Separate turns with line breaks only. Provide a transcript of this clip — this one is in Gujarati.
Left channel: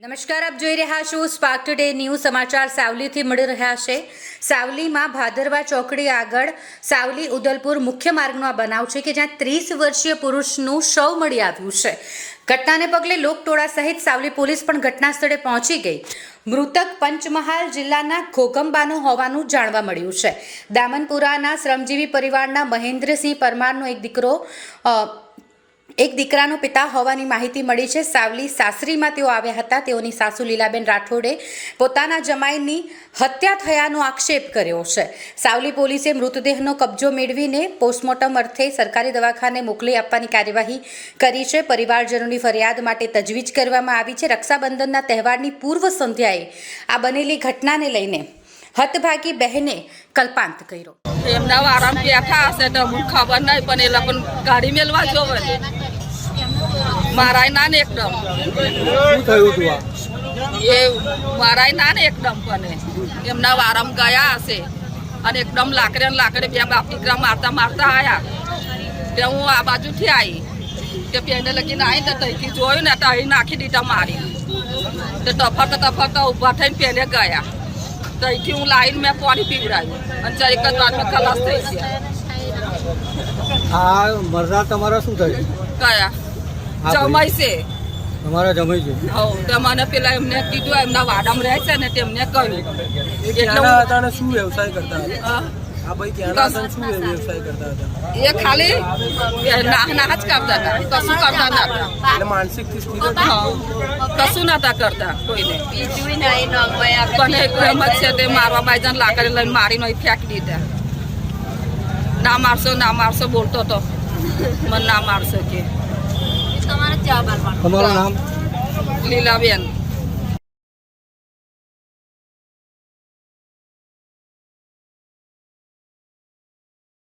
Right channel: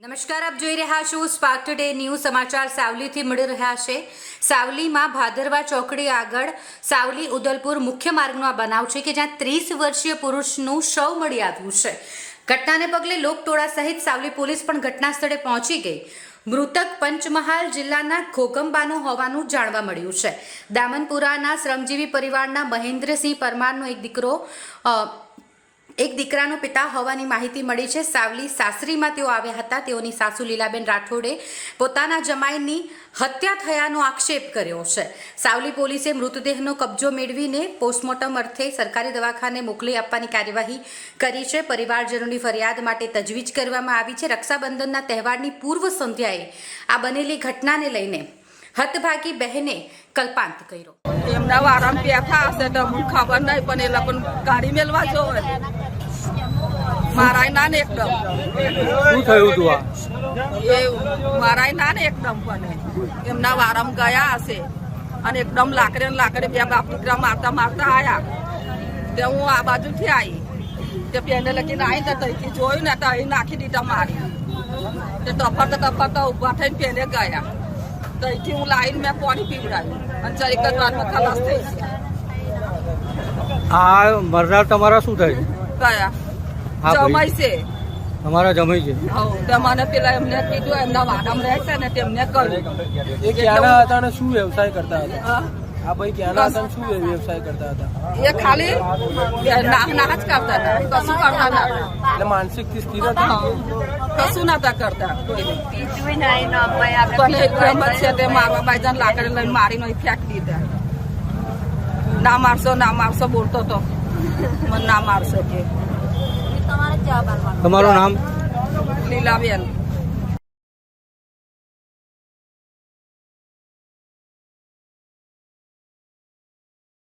નમસ્કાર, આપ જોઈ રહ્યા છો સ્પાર્ક ટુડે ન્યૂ સમાચાર સાવલીથી મળી રહ્યા છે. સાવલીમાં ભાદરવા ચોકડી આગળ સાવલી ઉદલપુર મુખ્ય માર્ગનો આ બનાવ છે કે જ્યાં ત્રીસ વર્ષીય પુરુષનું શવ મળી આવ્યું છે. ઘટનાને પગલે લોકટોળા સહિત સાવલી પોલીસ પણ ઘટના સ્થળે પહોંચી ગઈ. મૃતક પંચમહાલ જિલ્લાના ઘોગંબાનો હોવાનું જાણવા મળ્યું છે. દામનપુરાના શ્રમજીવી પરિવારના મહેન્દ્રસિંહ પરમારનો એક દીકરો એક દીકરાનો પિતા હોવાની માહિતી મળી છે. સાવલી સાસરીમાં તેઓ આવ્યા હતા. તેઓની સાસુ લીલાબેન રાઠોડે પોતાના જમાઈની હત્યા થયાનો આક્ષેપ કર્યો છે. સાવલી પોલીસે મૃતદેહનો કબજો મેળવીને પોસ્ટમોર્ટમ અર્થે સરકારી દવાખાને મોકલી આપવાની કાર્યવાહી કરી છે. પરિવારજનોની ફરિયાદ માટે તજવીજ કરવામાં આવી છે. રક્ષાબંધનના તહેવારની પૂર્વ સંધ્યાએ આ બનેલી ઘટનાને લઈને હતભાગી બહેને કલ્પાંત કર્યો.
એમના વારામ બેઠા હશે તો મને ખબર નહીં, પણ એ લોકો ગાડી મેળવા જોવે મારાય ના ને એકદમ.
શું થયું તું આ?
એ મારાય ના ને એકદમ પણ એમના વારમ ગયા હશે. અને એકદમ લાકડે ને લાકડે બે બાપ દીકરા મારતા મારતા આયા. તે હું આ બાજુથી આવી તે પેને લગીને આવી તો તહીથી જોયું ને તો અહીં નાખી દીધા મારી. તે તફરતા તફરતા ઊભા થઈને પેને ગયા. તહીથી હું લાવીને મેં પાણી પીવડાવ્યું. અને ચાર એક જ વાર મેં ખલાસ થઈ ગયા.
આ મરનાર તમારા શું થયું
કયા?
હા,
જમાઈ છે.
તમારા જમાઈ છે?
તો મને પેલા એમને કીધું એમના વાડામાં રહે છે ને તેમને કહ્યું. એટલે
શું વ્યવસાય કરતા હતા? આ ભાઈ ક્યાંના હતા શું વ્યવસાય કરતા હતા?
એ ખાલી ના ના જ કરતા હતા. કશું કરતા ના હતા.
એટલે માનસિકથી સ્થિર હતા?
કશું નતા કરતા કોઈને. પણ એક રમત છે તે મારવા બાયજાન લાકડી લઈને મારીને ફેંકી દીધા. ના મારશો ના મારશો બોલતો તો. મને ના મારશો કે.
તમારું નામ?
લીલાબેન.